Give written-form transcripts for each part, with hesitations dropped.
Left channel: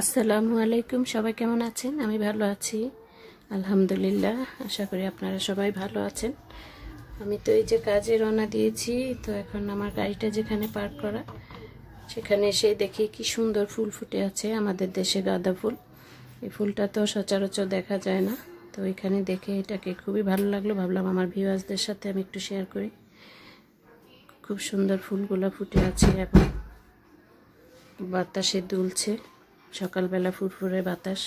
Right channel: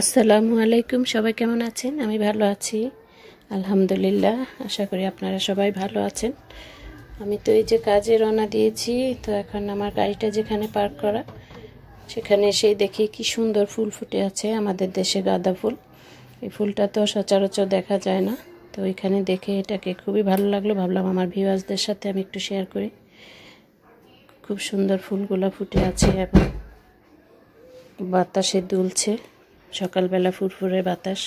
আসসালামু আলাইকুম। সবাই কেমন আছেন? আমি ভালো আছি আলহামদুলিল্লাহ। আশা করি আপনারা সবাই ভালো আছেন। আমি তো এই যে কাজে রওনা দিয়েছি। তো এখন আমার গাড়িটা যেখানে পার্ক করা সেখানে এসে দেখি কি সুন্দর ফুল ফুটে আছে, আমাদের দেশে গাঁদা ফুল। এই ফুলটা তো সচরাচর দেখা যায় না। তো এখানে দেখে এটাকে খুবই ভালো লাগলো, ভাবলাম আমার ভিউয়ার্সদের সাথে আমি একটু শেয়ার করি। খুব সুন্দর ফুলগুলো ফুটে আছে এবং বাতাসে দুলছে, সকালবেলা ফুরফুরে বাতাস।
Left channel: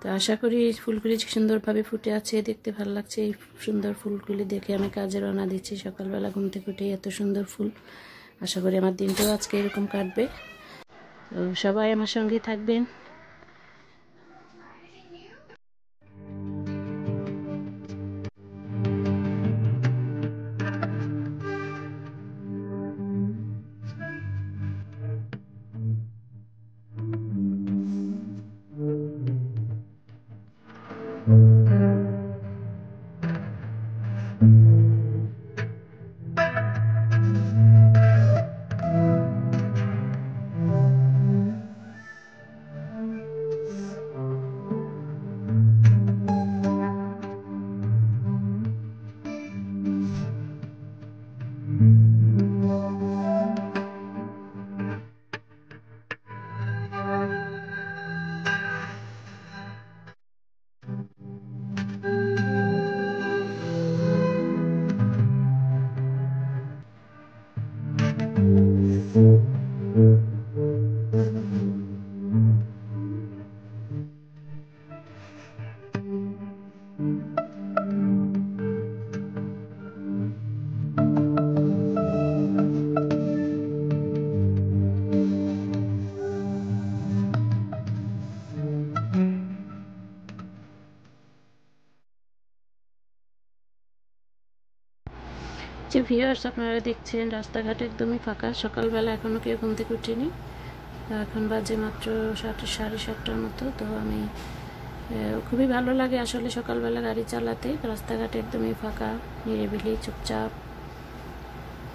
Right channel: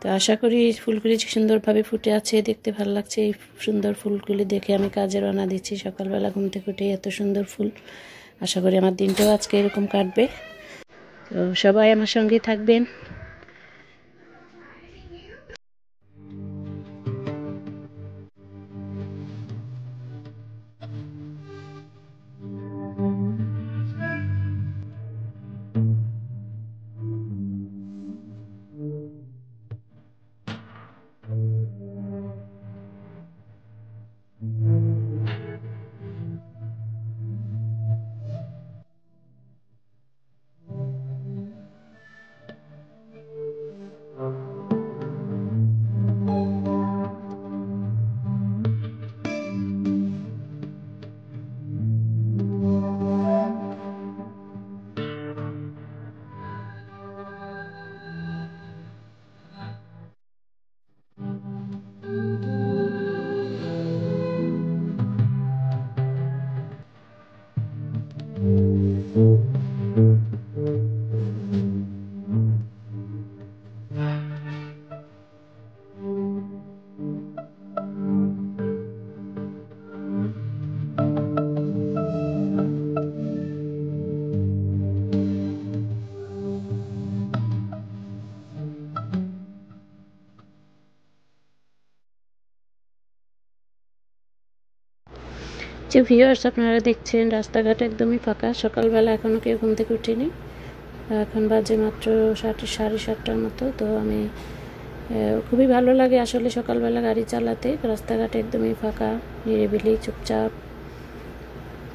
তো আশা করি ফুলগুলি সুন্দরভাবে ফুটে আছে, দেখতে ভালো লাগছে। এই সুন্দর ফুলগুলি দেখে আমি কাজে রওনা দিচ্ছি সকালবেলা ঘুম থেকে উঠে। এত সুন্দর ফুল, আশা করি আমার দিনটাও আজকে এরকম কাটবে। তো সবাই আমার সঙ্গে থাকবেন। যে ভিউয়ার্স, আপনারা দেখছেন রাস্তাঘাট একদমই ফাঁকা। সকালবেলা এখনও কেউ ঘুম থেকে উঠিনি। এখন বাজে মাত্র 7:30টার মতো। তো আমি খুবই ভালো লাগে আসলে সকালবেলা গাড়ি চালাতে। রাস্তাঘাট একদমই ফাঁকা, নিরিবিলি, চুপচাপ।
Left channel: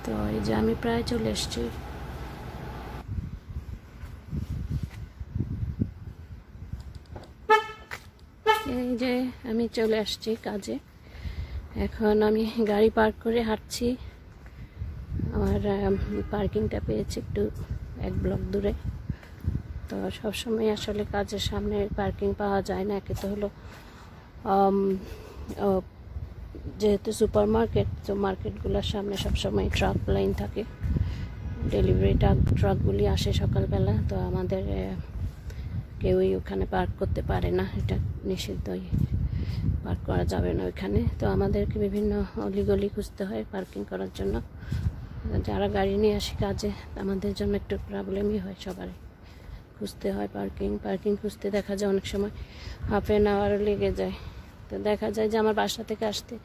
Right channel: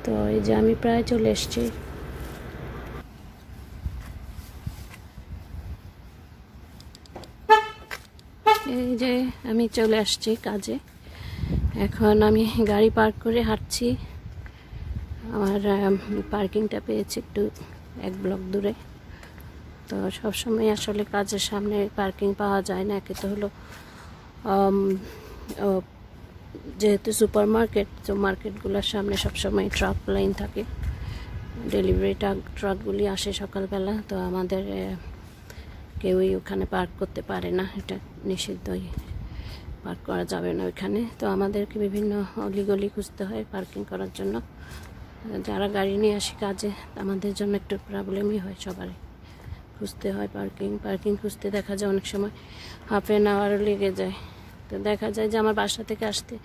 তো এই যে আমি প্রায় চলে এসেছি। এই যে আমি চলে আসছি কাজে। এখন আমি গাড়ি পার্ক করে হাঁটছি। আমার পার্কিংটা পেয়েছি একটু 1 ব্লক দূরে। তো সবসময় আসলে কাজের সামনে পার্কিং পাওয়া যায় না। একে তো হলো যেহেতু সুপার মার্কেট, তো মার্কেটগুলোর সামনে সবসময় ট্রাক লাইন থাকে, ডেলিভারি ট্রাকগুলি আসে সকালবেলা। তো আমাদের কেউই ওখানে পার্ক করতে পারে না, এটা নিষিদ্ধই, পার্ক করা যাবে না ওইখানে। তো আমাদেরকে বিভিন্ন অলিগলি খুঁজতে হয় পার্কিং করার জন্য। যারা গাড়ি নিয়ে আসি কাজে, আমাদের জন্য একটু প্রবলেমই হয়, সবারই খুঁজতে হয় পার্কিং খুঁজতে দেখা যায় অনেক সময় হাফ অ্যান আওয়ারও লেগে যায়। তো দেখা যায় যে আমার বাসা থেকে আসতে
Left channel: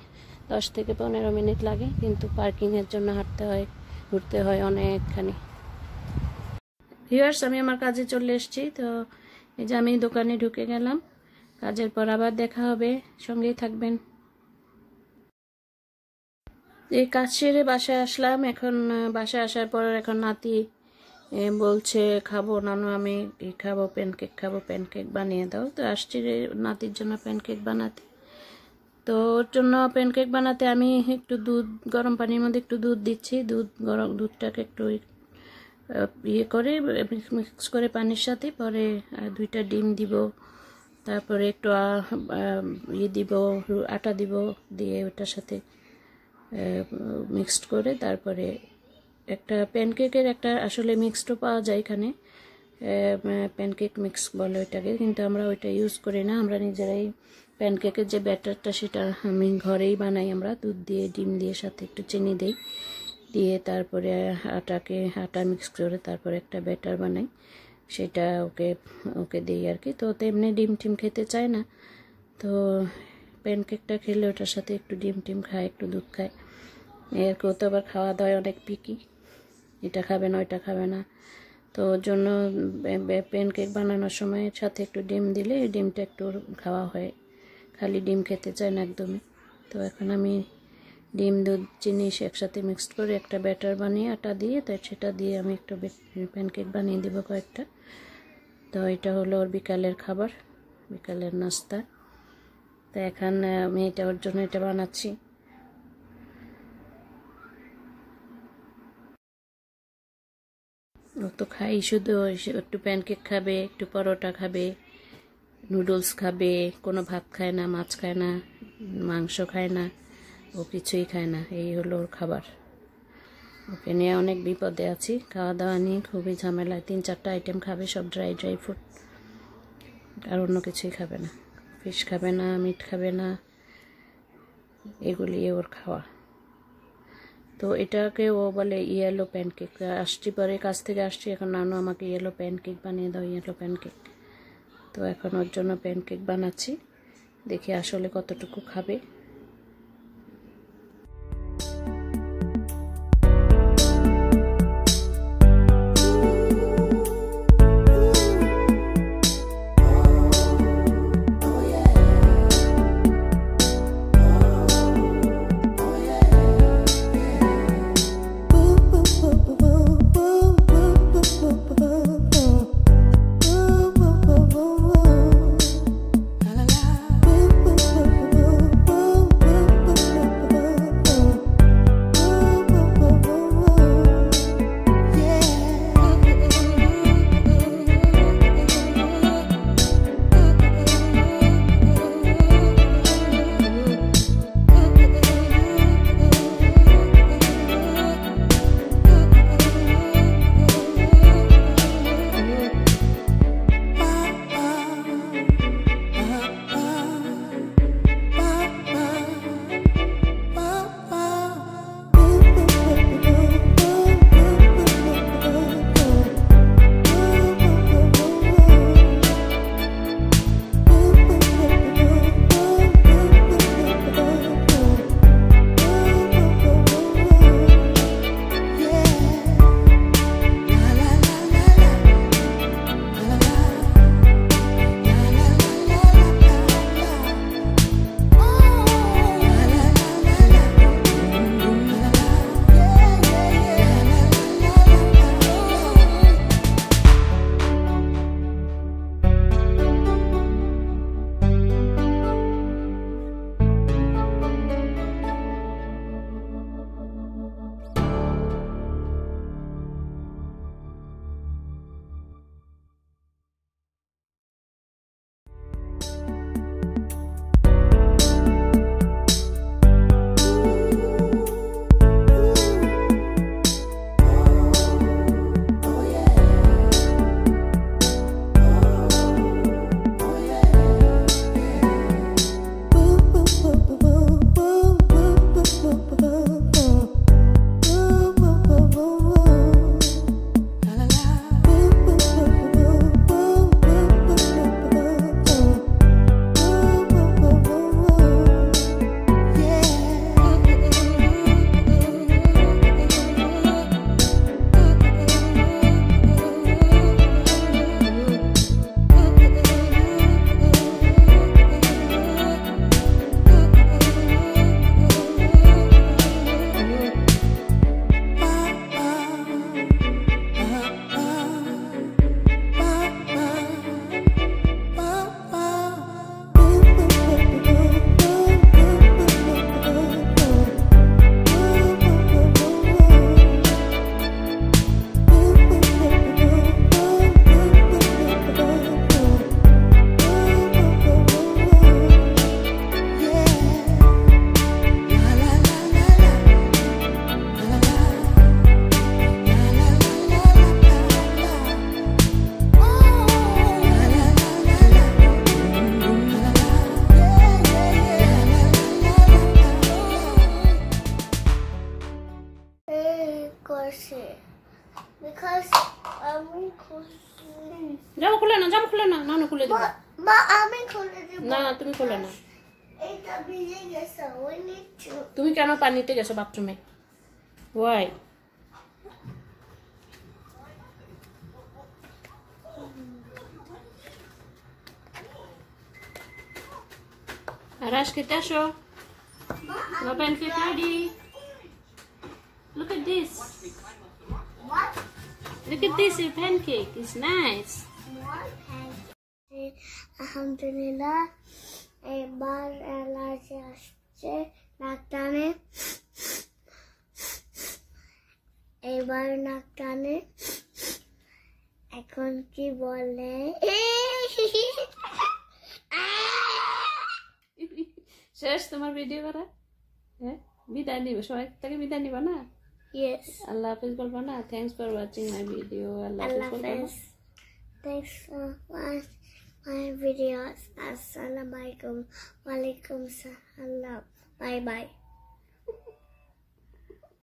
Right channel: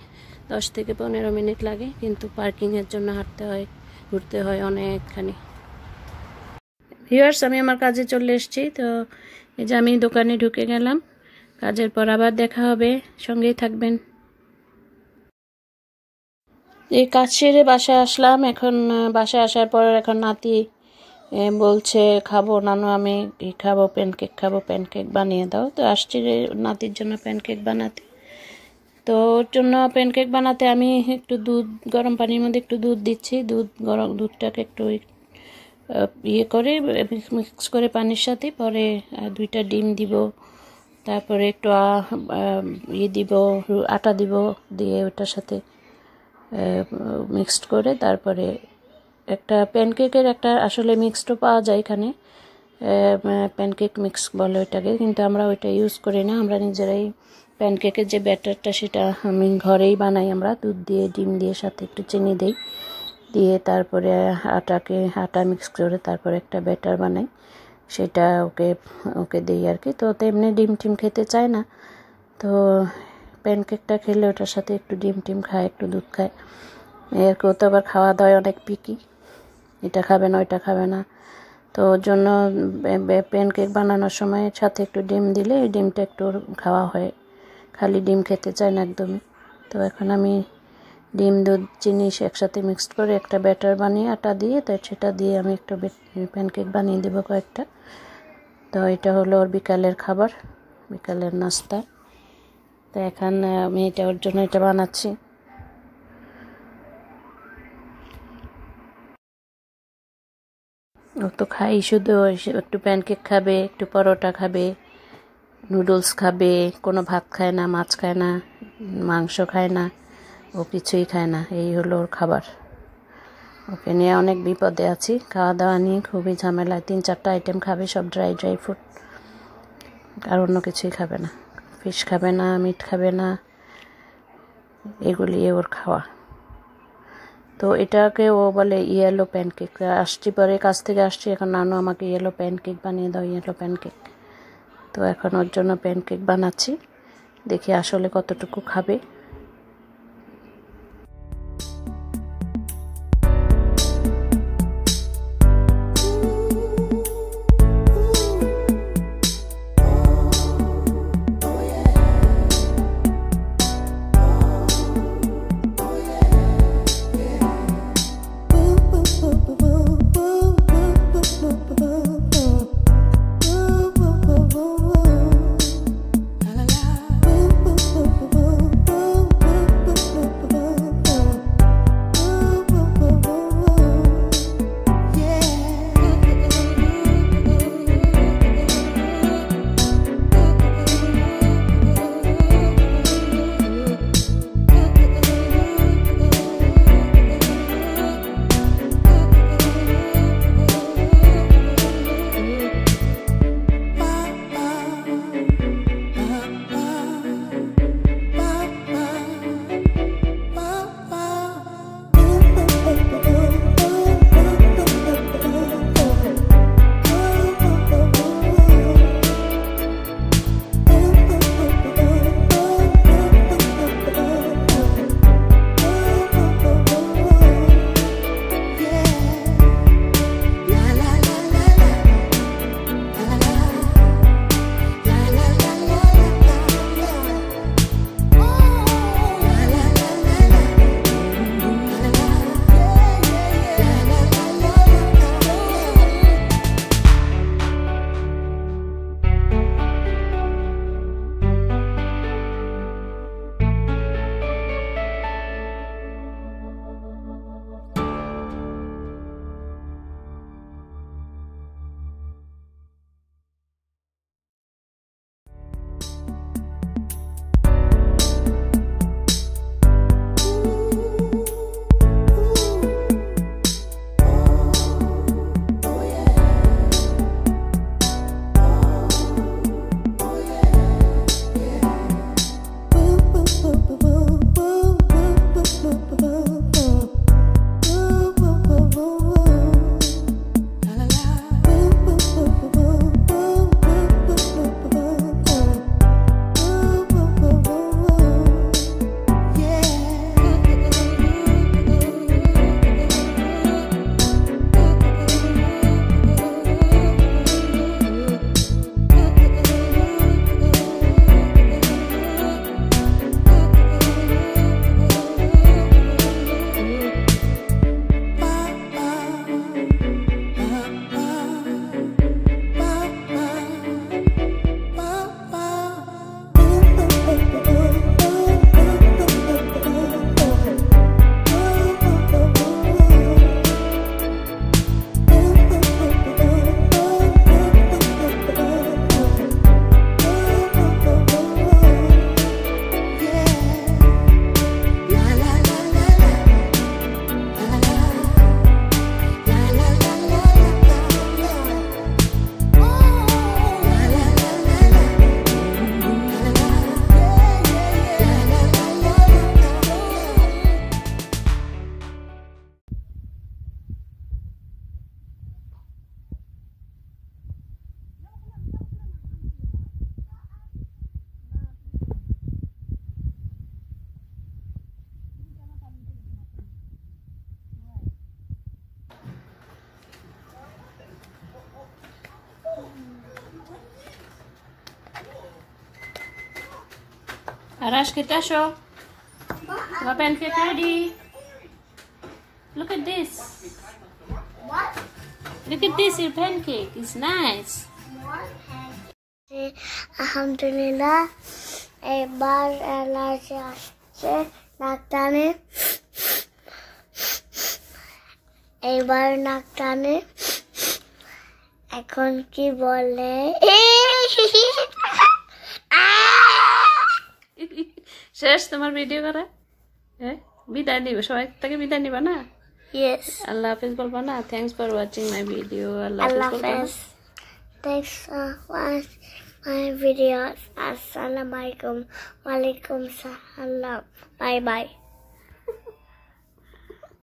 10 থেকে 15 মিনিট লাগে, কিন্তু পার্কিংয়ের জন্য হাঁটতে হয়, ঘুরতে হয় অনেকখানি। ভিউয়ার্স, আমি আমার কাজে চলে এসেছি। তো এই যে আমি দোকানে ঢুকে গেলাম। কাজের পর আবার দেখা হবে, সঙ্গেই থাকবেন। এই কাজ সেরে বাসায় আসলাম। এখন বাসায় আসার পর এখন নাতি বলছে খাবো নানু, আমি খাবো প্যানকেক, খাবো প্যানকেক বানিয়ে দাও। তো আসছি নাতির জন্য প্যানকেক বানাতে। তো ওর জন্য প্যানকেক বানাতে আমি একটু দুধ, গরম পানির মধ্যে একটু দুধ দিচ্ছি। দুধটাকে একটু ইয়ে করে মিক্স করে পানির সাথে, পরে 2টা ডিম দিব, তারপরে একটু দিব, আটা দিব, দিয়ে ওটার সাথে মিক্সড করে তারপরে একটা প্যানকেকের একটা আসলে মিক্সডও পাওয়া যায় এখানে, প্যানকেক মিক্স বলে ওইটাকে, কিন্তু আমরা ওইটা ইউজ করি না। আমরা নিজেরাই প্যানকেকের যে ব্যাটারটা সেটা আমি ঘরেই বানাই। আমরা দুধ দিয়ে, ডিম দিয়ে, সাথে একটু চিনি দিই, দিয়ে তারপরে আটা মিক্স করে তারপরে একটা ব্যাটার বানাই, সেটা ওকে দিই আর কি। তো তেমনি ডিম টিম খেতে চায় না, তো প্যানকেকটা খেলে ওটার সাথে একটু ডিম টিম খায়, একটু দুধ খায়। এরকেও তো আবার খাওয়া দাওয়ায় অনেক পিকি, এটা খাবে না ওইটা খাবে না। তো ওর জন্য প্যানকেক বানানোর সময় সাথে একটু ডিম দিলে এই ডিমটা একটু খাওয়া হয়, খালি ডিম খেতে চায় না একদমই। তো এখন আমি ডিম, দুধ, চিনি একসাথে মিক্সড করে একটা ব্যাটার বানিয়ে আটা দিয়ে, তো সেটা দিয়ে আমি একটু প্যানকেক বানিয়ে দেবো কয়েকটা। তো এটা হলো ওর বিকালের খাবার, বিকালের নাস্তা। তো এখন আমি এটা ওর জন্য এটা বানাচ্ছি। ও তো খাই শুধু একটু প্যানকেক খাবে, একটু পরোটা খাবে, নুডলস খাবে, কোনো ভাত খায় না, মাছ খায় না, মাংস খায় না, ও কিছুই খায় না। এই হলো ওর খাবার। ওকে নিয়ে অনেক বিপদে আছি, খাওয়া দাওয়া নিয়ে খুবই ঝামেলায়। 3-4টা আইটেম খাবে, সব ড্রাই ফুড, আর অন্য কিছুই খাবে না। ফিশ খাবে না, মিট খাবে না, এগুলি ওর খাওয়া। তো এটাকে ও বলে ইয়েলো প্যানকেক। আসছি পরে, কাছ থেকে আসছি, এখন নানু আমাকে ইয়েলো প্যানকেক বানিয়ে দাও, ইয়েলো প্যানকেক। তো এখন ওর জন্য প্যানকেক বানাচ্ছি, দেখি আসলে কতটুকু খাবে। জামা খুলে না, জামা খুলে না, নানু খুলে দেব। মা আমি খুলে দেব। না তুমি খুলে না। এটা ভিজে গেছে, ওই নিচু। তুমি কেন পানিতে গেছো বাথরুমে? Y? Arash, kita show. My pancake ready. Look at this. What? Look at this, your pancake. It's nice. What? আলহামদুলিল্লাহ এবার অ্যালার্জি আসছে নাক টানে এবার নাক টানে এখন কি বলে শেষ তোমার ভিডিও করা? হ্যাঁ, বিদায় নিবে, সবাই থেকে বিদায় নিবা না? Yes. আল্লাহ হাফেজ বলবা না? Thanks for watching my video. আল্লাহ হাফেজ Allah বলবা না? Hafiz. Thanks for watching my videos. Assalamualaikum. Walaikum salam. Bye bye.